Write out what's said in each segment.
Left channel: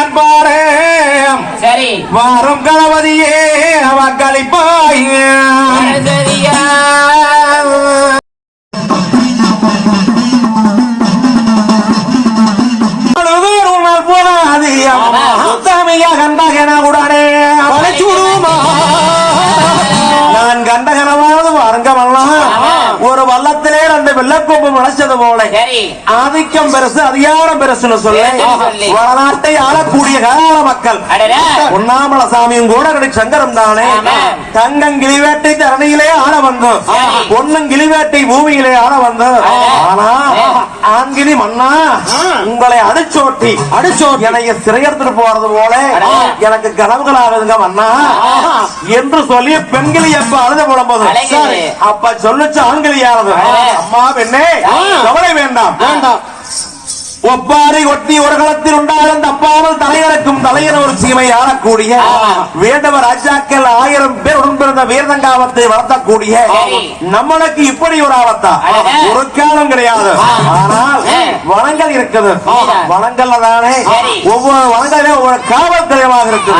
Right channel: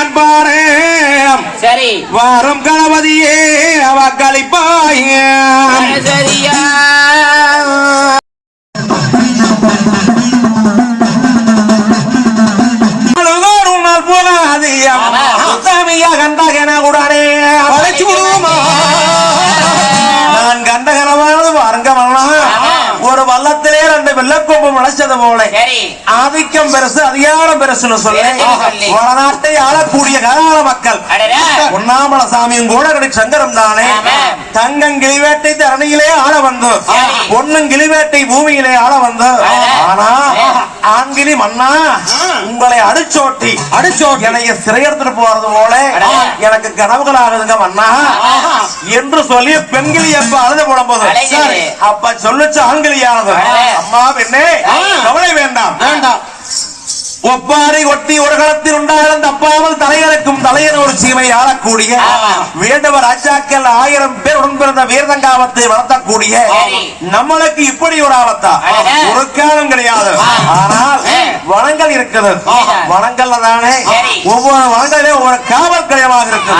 காண்பாரே சரி வாரம் கணபதியே அவ கழிப்பாய சரியா உடனே நான் கண்டகனமானது ஒரு வல்லத்திலே ரெண்டு வெள்ளக்கோப்பம் நினைச்சது போல ஆதிக்கம் பெருசு அதிகாரம் பெருசுன்னு சொல்லி வடநாட்டை ஆளக்கூடிய கால மக்கள் உண்ணாமல சாமியும் கூட சங்கரம் தானே தங்கம் கிளிவேட்டை தரணியிலே ஆள வந்து பொண்ணும் கிளிவேட்டை பூமியிலே ஆள வந்து ஆனா ஆண்கிளி மன்னா உங்களை அடிச்சோட்டி என்னைய சிறையெடுத்துட்டு போறது போல எனக்கு கனவுகளாகுதுங்க மன்னா என்று சொல்லி பெண்கிளி எப்ப அழுத புலம்போது அப்ப சொல்லுச்சு ஆண்கிளியானது அம்மா பெண்ணே கவலை வேண்டாம் ஒப்பாரி ஒட்டி உலகத்தில் உண்டாயிருந்த அப்பாமல் தலைவருக்கும் தலையன ஒரு சீமை ஆளக்கூடிய வேதவ ராஜாக்கள் 1000 பேர் உடன்பிறந்த வீரதங்காவத்தை வளர்த்தக்கூடிய நம்மளுக்கு இப்படி ஒரு ஆபத்தா ஒரு காலம் கிடையாது. ஆனால் வனங்கள் இருக்குது. வனங்கள்ல தானே ஒவ்வொரு வனங்களே ஒவ்வொரு காவல் கிளையமாக இருக்கு.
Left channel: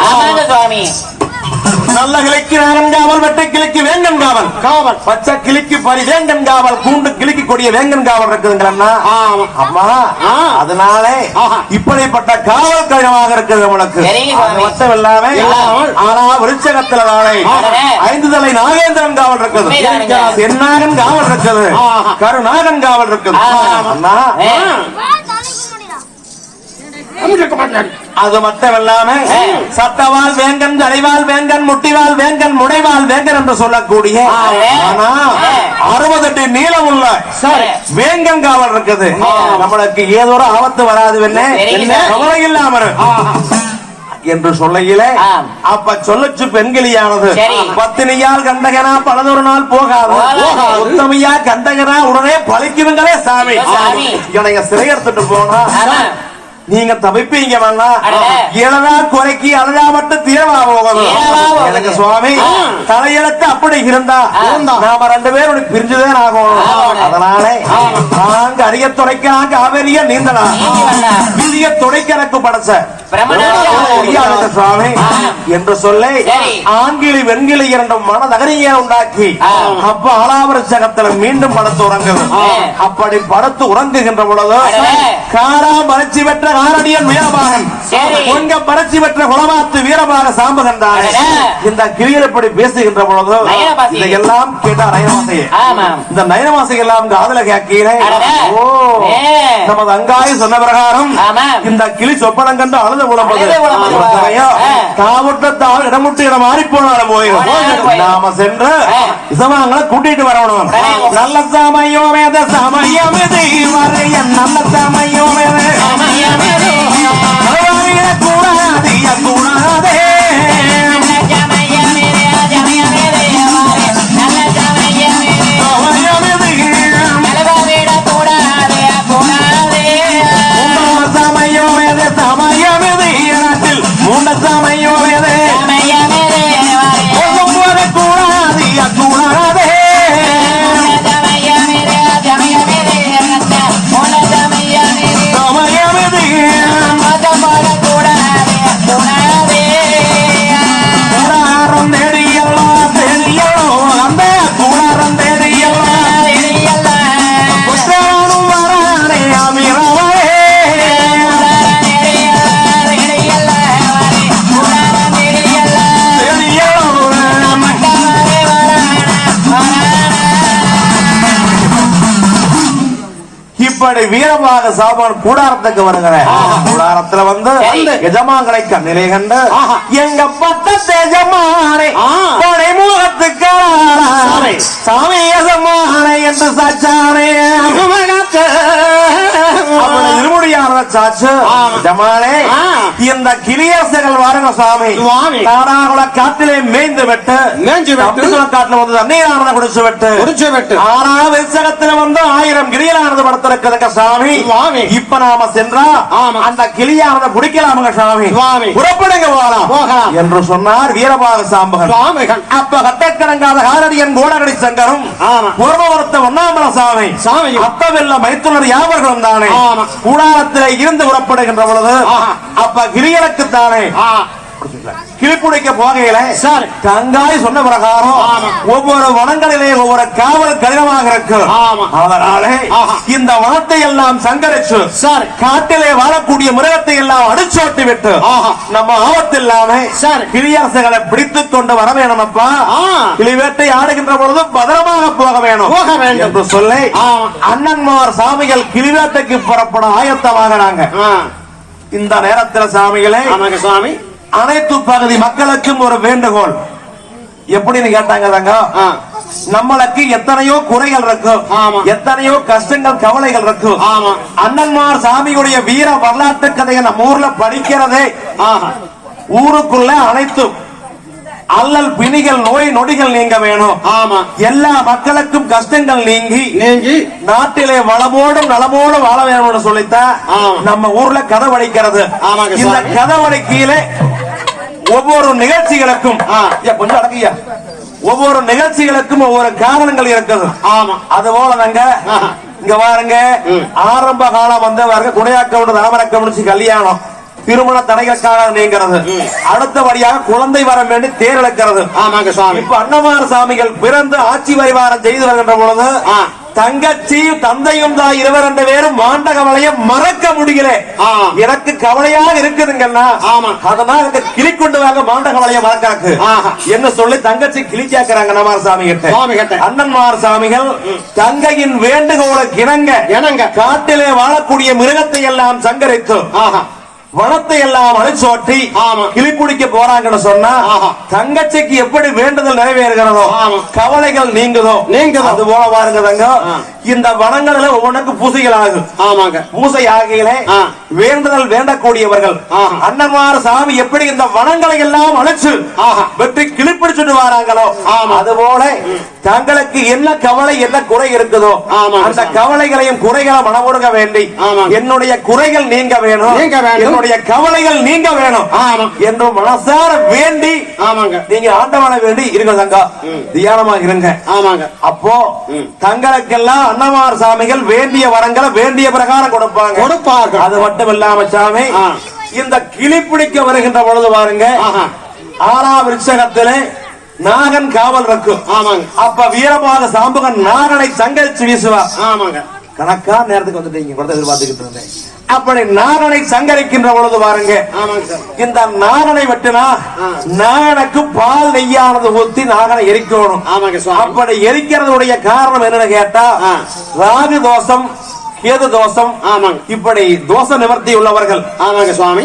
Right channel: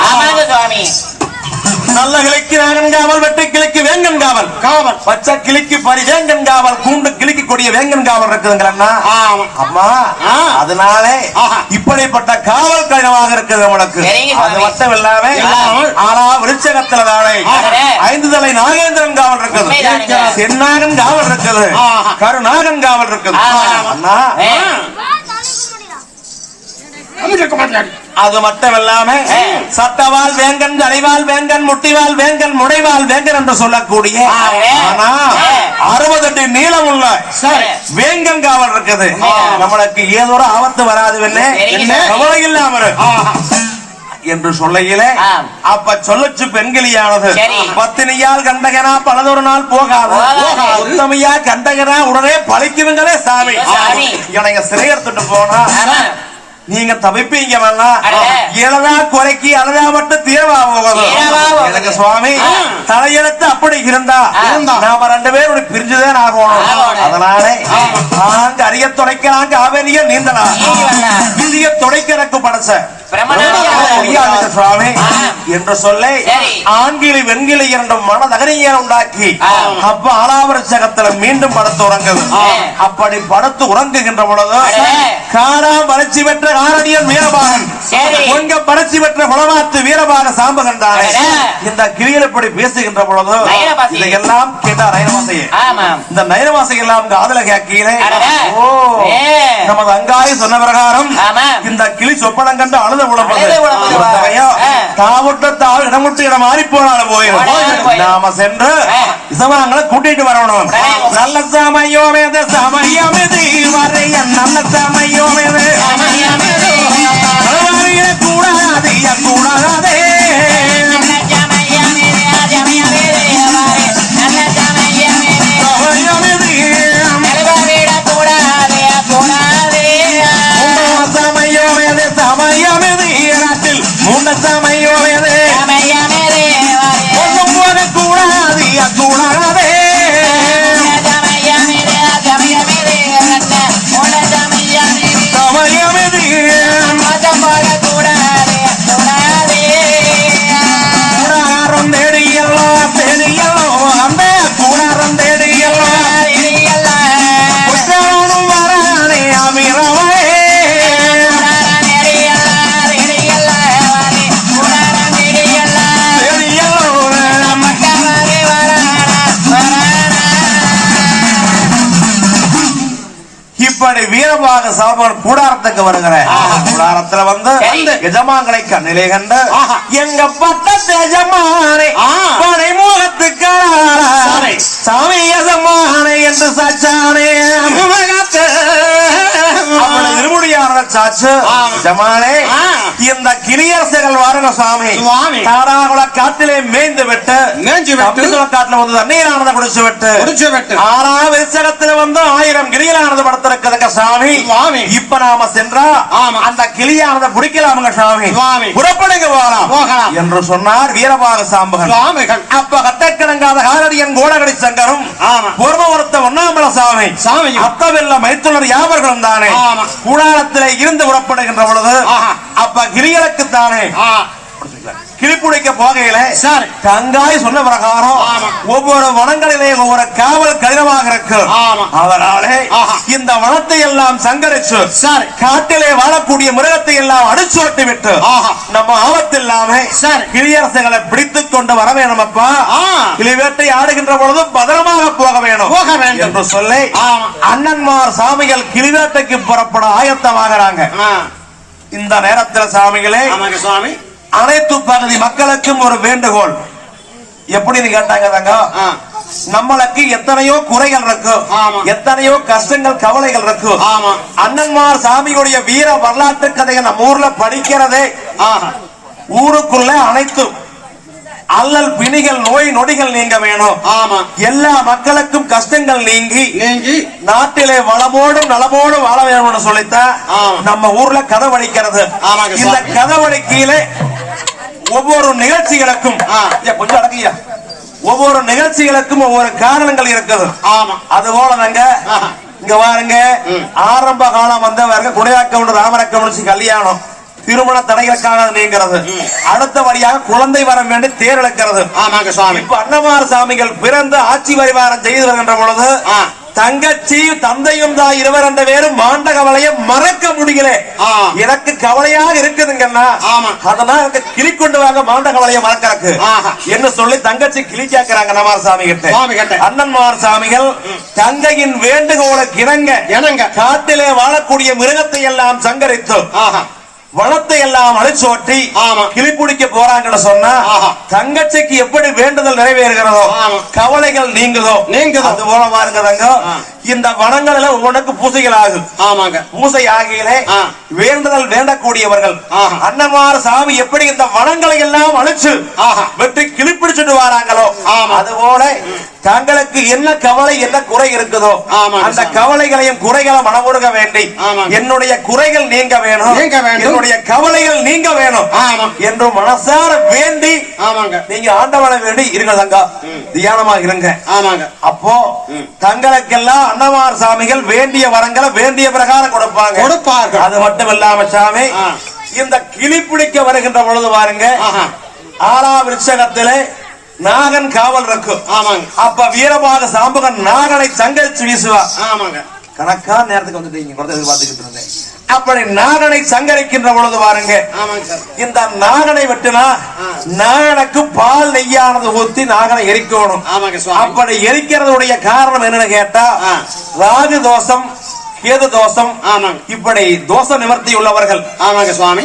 நல்ல கிளைக்கு வேங்கன் காவல், வெட்டை கிளைக்கு வேங்கன் காவல், பச்சை கிளிக்கு பரிவேங்கன் காவல், கூண்டு கிளிக்கு கொடிய வேங்கன் காவல் இருக்குதுங்களா அம்மா. அதனால இப்படிப்பட்ட காவல் கடினமாக இருக்குது உங்களுக்கு. மட்டும் இல்லாம ஆனா விருட்சகத்துல தானே 5 தலை நாகேந்திரன் காவல் இருக்குது, சென்னாகன் காவல் இருக்குது, கருநாகன் காவல் இருக்குது. அண்ணா அது மட்டும் இல்லாம சட்டவால் வேங்கன், தடைவால் வேங்கன், முட்டிவால் வேங்கன், முனைவால் வேங்கன் என்று சொல்லக்கூடிய 60 அடி நீளம் உள்ள வேங்கன் காவல் இருக்குது. நம்மளுக்கு ஏதோ ஒரு ஆபத்து வராது கவலை இல்லாம என்று சொல்லையிலே அப்ப சொல்லச்சு பெண்கிளியானது பத்தினியால் கண்டகனா பலதொரு நாள் போகாது, உத்தமையா கண்டகனா உடனே பழிக்குதுங்களே சாமி. இவனைய சிறையெடுத்துட்டு போனா நீங்க தவிப்பீங்க இளதா குறைக்கு அழகா மட்டும் தீரவா போகணும். எனக்கு சுவாமி தலையெழுத்து அப்படி இருந்தா நாம 2 பேரும் பிரிஞ்சுதான் ஆகணும். அதனால நாங்க அரிய துறைக்காக காவேரிய நீந்தனா விதிய துறைக்கு எனக்கு படைச்ச சுவாமி என்று சொல்லி ஆண்கிளி வெண்கிளி இரண்டும் மனதகரியை உண்டாக்கி அப்ப ஆலாவரச்சகத்துல மீண்டும் படுத்து உறங்குது. அப்படி படுத்து உறங்குகின்ற பொழுது காரா மலர்ச்சி பெற்ற ஆரடியன் வீரபாகன், பொங்க பரட்சி பெற்ற குலவாத்து வீரபாக சாம்பகன் தானே இந்த கிளிகள் இப்படி பேசுகின்ற பொழுது இதையெல்லாம் கேட்டா நயனவாசியே. இந்த நயனவாசிகள் எல்லாம் காதல கேட்கிறே நமது அங்காய சொன்ன பிரகாரம் இந்த கிளி சொப்பனம் கண்டு அழுத புலம்பது தாமுட்டத்தால் இடமுட்டு இடம் மாறி போனாலும் போயிடும். நாம சென்று இசவாங்களை கூட்டிட்டு வரணும். நல்ல சமயோ வேத சமயம் நல்ல சமயோ வேத வீரமாக சாப்பாடு கூடாரத்துக்கு வருகிறேன். கூடாரத்துல வந்து எஜமான்களை கண்ணிலே கண்டு எங்க பக்கத்து எஜமானே முகத்துக்கு சாமி எஜமானே என்று சாச்சானே இருமுடியான சாச்சு எஜமானே இந்த கிளியரசர்கள் வாருங்க சாமி. தாராகுல காட்டிலே மேய்ந்து விட்டு காட்டுல வந்து தண்ணீரான குடிச்சு விட்டு 6ஆம் விசகத்துல வந்து 1000 கிளிகளானது படுத்திருக்கிறது சாமி சுவாமி. இப்ப நாம சென்றா ஆமா. அந்த கிளியானதை பிடிக்கலாமுங்க சாமி சுவாமி. புறப்படுங்க போகலாம். என்று சொன்னார் வீரபாக சாம்பகன். சுவாமிகள். அப்ப கட்டக்கணங்காத காரடியன் கோடகடி சங்கரும் ஆமா. பொருளவரத்த ஒன்னாமல சாமி சாமியும். அத்தவெல்ல மைத்துனர் யாவர்களும் தானே ஆமா. கூடாரத்திலே இருந்து புறப்படுகின்ற பொழுது ஆஹா. அப்ப கிரியனுக்கு தானே கிளிப்புடைக்க போகையில சரி. தங்காய் சொன்ன பிரகாரம் ஆமா. ஒவ்வொரு வனங்களிலே ஒவ்வொரு காவல் கடினமாக இருக்கு. ஆமா. அதனாலே ஆஹா. இந்த வனத்தை எல்லாம் சங்கரிச்சு சரி. காட்டிலே வாழக்கூடிய மிருகத்தை எல்லாம் அடிச்சோட்டி விட்டு ஆஹா. நம்ம ஆபத்தில்லாம சரி. கிளியரசுகளை பிடித்துக் கொண்டு வர வேணும் அப்பா. ஆ. கிளி வேட்டை ஆடுகின்ற பொழுது பத்திரமாக போக வேணும் போக வேண்டும் என்று சொல்லி ஆமா. அண்ணன்மார் சாமிகள் கிளிவேட்டைக்கு புறப்பட ஆயத்தமாகறாங்க. இந்த நேரத்தில் சாமிகளே ஆமாங்க சுவாமி. அனைத்து பகுதி மக்களுக்கும் ஒரு வேண்டுகோள். எப்படின்னு கேட்டாங்க, ஆ. நம்மளுக்கு எத்தனையோ குறைகள் இருக்கு, ஆமா. எத்தனையோ கஷ்டங்கள் கவலைகள் இருக்கு. ஆமா. அண்ணன்மார் சாமிகளுடைய வீர வரலாற்று கதையை நம்ம ஊர்ல படிக்கிறதே ஆஹா. ஊருக்குள்ள அனைத்து அல்லல் பிணிகள் நோய் நொடிகள் நீங்க வேணும். ஆமா. எல்லா மக்களுக்கும் கஷ்டங்கள் நீங்கி நீங்கி நாட்டிலே வளமோடு நலமோடு வாழ வேணும்னு சொல்லித்தான் ஆமா. நம்ம ஊர்ல கதை வடிக்கிறது. ஆமாங்க இந்த சாமி. கதை வடிக்கையில ஒவ்வொரு நிகழ்ச்சிகளுக்கும் கொஞ்சம் அடங்கியா ஒவ்வொரு நிகழ்ச்சிகளுக்கும் ஒவ்வொரு காரணங்கள் இருக்குது. ஆமா. அது போல நாங்க இங்க பாருங்க, ஆரம்ப காலம் வந்தவர்கள் குணையாக்கம் ராமரக்கம் கல்யாணம் திருமண தடைகளுக்காக நீங்கிறது. அடுத்தபடியாக குழந்தை வரம் வேண்டி தேர் இழக்கிறது. ஆமாங்க சுவாமி. இப்ப அன்னமார் சாமிகள் பிறந்த ஆட்சி பரிவாரம் செய்து வருகின்ற பொழுது தங்கச்சி தந்தையும் தான் இருவர் ரெண்டு பேரும் மாண்ட கவலையை மறக்க முடியல. எனக்கு கவலையாக இருக்குதுங்கன்னா அதனால இந்த கிளி கொண்டு வாங்க மாண்ட கவலையை மறக்காக்கு என்ன சொல்லி தங்கச்சி கிளி கேட்கிறாங்க அன்னமார் சாமி கிட்ட. அண்ணன்மார் சாமிகள் தங்கையின் வேண்டுகோளை இணங்க காட்டிலே வாழக்கூடிய மிருகத்தை எல்லாம் சங்கரித்து வனத்தை எல்லாம் அழிச்சோட்டி கிளிப்பிடிக்க போறாங்கன்னு சொன்னா தங்கச்சிக்கு எப்படி வேண்டுதல் நிறைவேறுகிறதோ கவலைகள் நீங்குதோ அது போல பாருங்க தங்க. இந்த வனங்களில ஒவ்வொன்றுக்கு பூசைகள் ஆகும். பூசை ஆகையிலே வேண்டுதல் வேண்டக்கூடியவர்கள் அண்ணன்மார் சாமி எப்படி இந்த வனங்களை எல்லாம் அழைச்சு வெற்றி கிளிப்பிடிச்சுட்டு வராங்களோ அது போல தங்களுக்கு என்ன கவலை என்ன குறை இருக்குதோ அந்த கவலைகளையும் குறைகளை மனமுருக வேண்டி என்னுடைய குறைகள் நீங்க வேணும், என்னுடைய கவலைகள் நீங்க வேணும் என்று மனசார வேண்டி நீங்க ஆண்டவனை வேண்டி இருங்க தங்கா, தியானமாக இருங்க. அப்போ தங்களுக்கெல்லாம் அன்னமார் சாமிகள் வேண்டிய வரங்களை வேண்டிய பிரகாரம் கொடுப்பாங்க. அது மட்டும் இல்லாம சாமி இந்த கிளிப்பிடிக்க வருகின்ற பொழுது பாருங்க, ஆறாம் விருட்சகத்திலே நாகன் காவல் இருக்கும். அப்ப வீரபாக சாம்பகன் நாகனை சங்கரிச்சு வீசுவார். கணக்கா நேரத்துக்கு வந்துட்டீங்க, எதிர்பார்த்துக்கிட்டு இருந்தேன். அப்படி நாகனை சங்கரிக்கின்ற பொழுது பாருங்க, இந்த நாகனை வெட்டினா நாகனுக்கு பால் நெய்யானது ஊத்தி நாகனை எரிக்கணும். அப்படி எரிக்கிறதுடைய காரணம் என்னன்னு கேட்டா ராகு தோஷம் கேது தோஷம் இப்படி தோஷ நிவர்த்தி உள்ளவர்கள் சுவாமி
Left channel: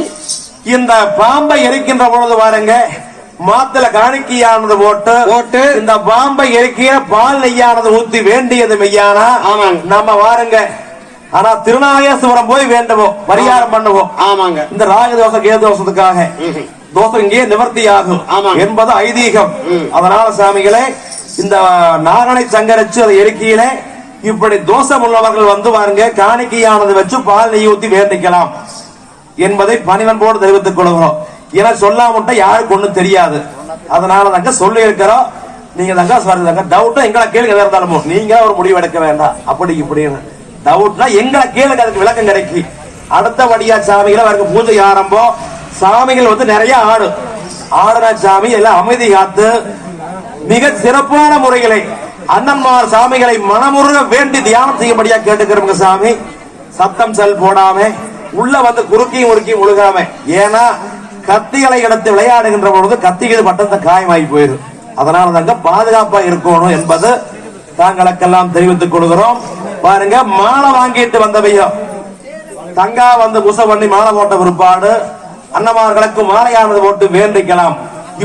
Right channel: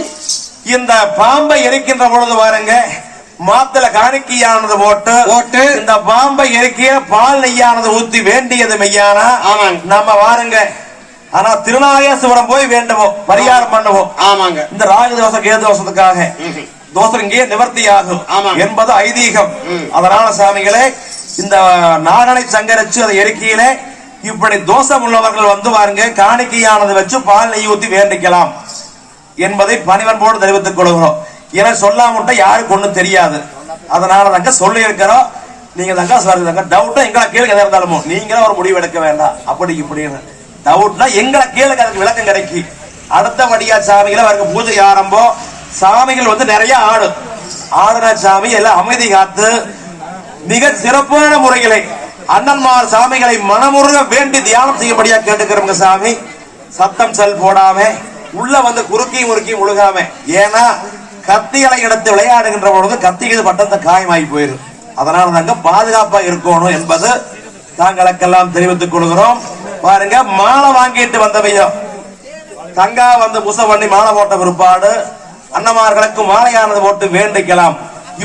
இந்த பாம்பை எரிக்கின்ற பொழுது பாருங்க மாத்துல காணிக்கையானது போட்டு இந்த பாம்பை எரிக்கிற பால் நெய்யானது ஊத்தி வேண்டியது மெய்யானா நம்ம வாருங்க. ஆனா திருநாகேஸ்வரம் போய் வேண்டுவோம், பரிகாரம் பண்ணுவோம். இந்த ராஜதோஷ கேதோஷத்துக்காக தோஷம் இங்கே நிவர்த்தி ஆகும் என்பது ஐதீகம். அதனால சாமிகளே இந்த நாகனை சங்கரிச்சு அதை எரிக்கையில இப்படி தோஷம் உள்ளவர்கள் வந்து பாருங்க காணிக்கையானது வச்சு பால் நெய் ஊத்தி வேண்டிக்கலாம் என்பதை பணிவன்போடு தெரிவித்துக் கொள்கிறோம். ஏன்னா சொல்லாமட்ட யாருக்கு ஒண்ணும் தெரியாது. அதனால தாங்க சொல்லி இருக்கிறோம். நீங்க தாங்க சொல்லுங்க டவுட்டும் எங்களை கேள்வி எதா இருந்தாலும் நீங்க ஒரு முடிவு எடுக்க வேண்டாம். அப்படி இப்படின்னு டவுட்னா எங்களை கேளுங்க, அதுக்கு விளக்கம் கிடைக்கும். அடுத்தபடியா சாமிகளை அவருக்கு பூஜை ஆரம்பம். சாமிகள் வந்து நிறைய ஆடுனா சாமி எல்லாம் அமைதி காத்து மிக சிறப்பான முறைகளை அண்ணன்மார் சாமிகளை மனமுருக வேண்டி தியானம் செய்யபடியா கேட்டுக்கிறோங்க. சாமி சத்தம் செல் போடாம உள்ள வந்து குறுக்கியும் உருக்கியும் முழுகாம, ஏன்னா கத்திகளை எடுத்து விளையாடுகின்ற பொழுது கத்திகள் பட்டத்தை காயமாகி போயிடும். அதனால தாங்க பாதுகாப்பா இருக்கணும் என்பது தாங்களுக்கெல்லாம் தெரிவித்துக் கொள்கிறோம். பாருங்க மாலை வாங்கிட்டு வந்தவையோ தங்கா வந்து புச பண்ணி மாலை போட்ட பிற்பாடு அன்னமார்களுக்கு மாலையானது போட்டு வேண்டிக்கலாம்.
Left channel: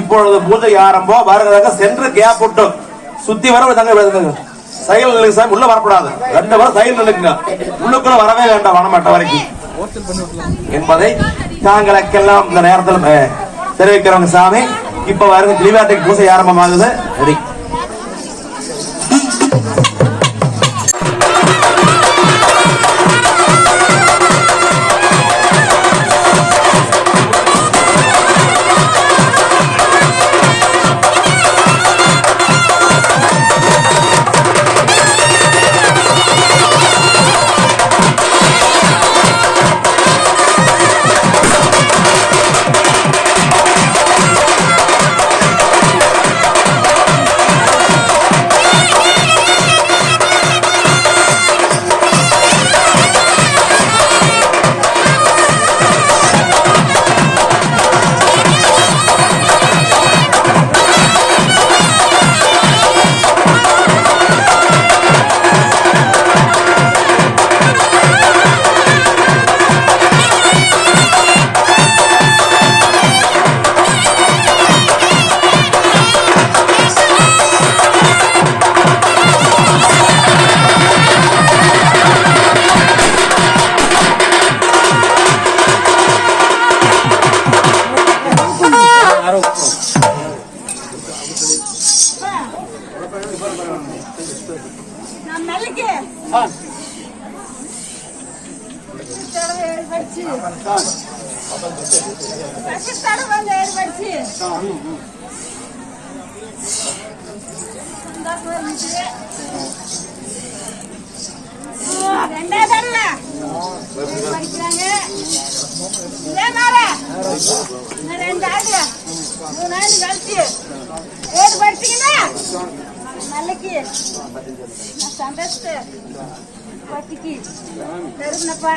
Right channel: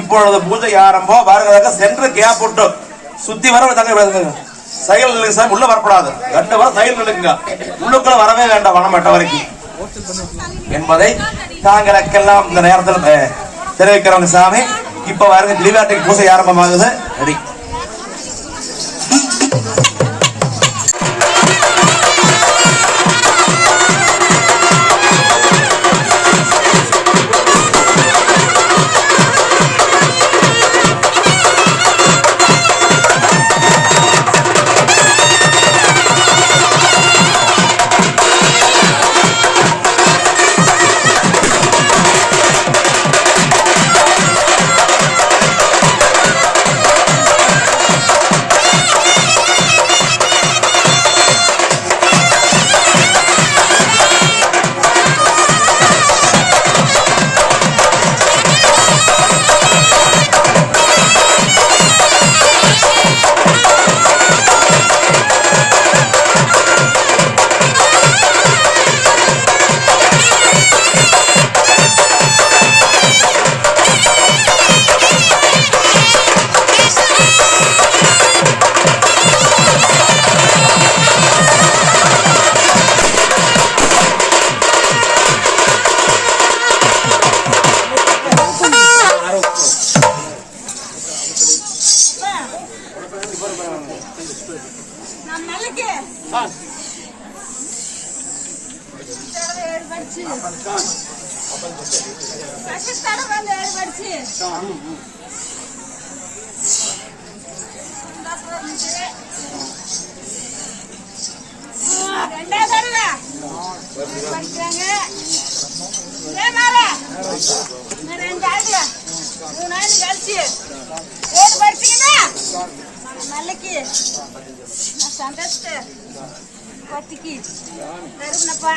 இப்பொழுது பூஜை ஆரம்பம். பாருங்க சென்று கேப் விட்டு சுத்தி வர தங்க சைல் சாமி உள்ள வரக்கூடாது, 2 வரை சைல் நிலுங்க, உள்ளுக்குள்ள வரவே வேண்டாம் வனமேட்ட வரைக்கும் என்பதை தாங்களுக்கெல்லாம் இந்த நேரத்தில் தெரிவிக்கிறவங்க. சாமி இப்ப பாருங்க கிளிவேட்டைக்கு பூஜை ஆரம்பமாகுது. ரெடி படிச்சு பாகிஸ்தான் வந்து 7 படிச்சு ரெண்டாவது தடவை படிக்கிறாங்க. இதே மாதிரி 2 ஆண்டு 3 ஆண்டு கழிச்சு 7 படிச்சீங்கன்னா நாளைக்கு சந்தோஷத்தை கட்டிக்கு தருணப்பா.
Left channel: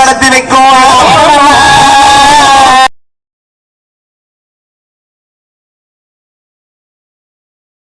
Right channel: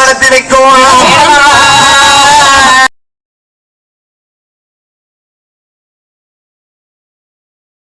நடத்தி வைக்கும்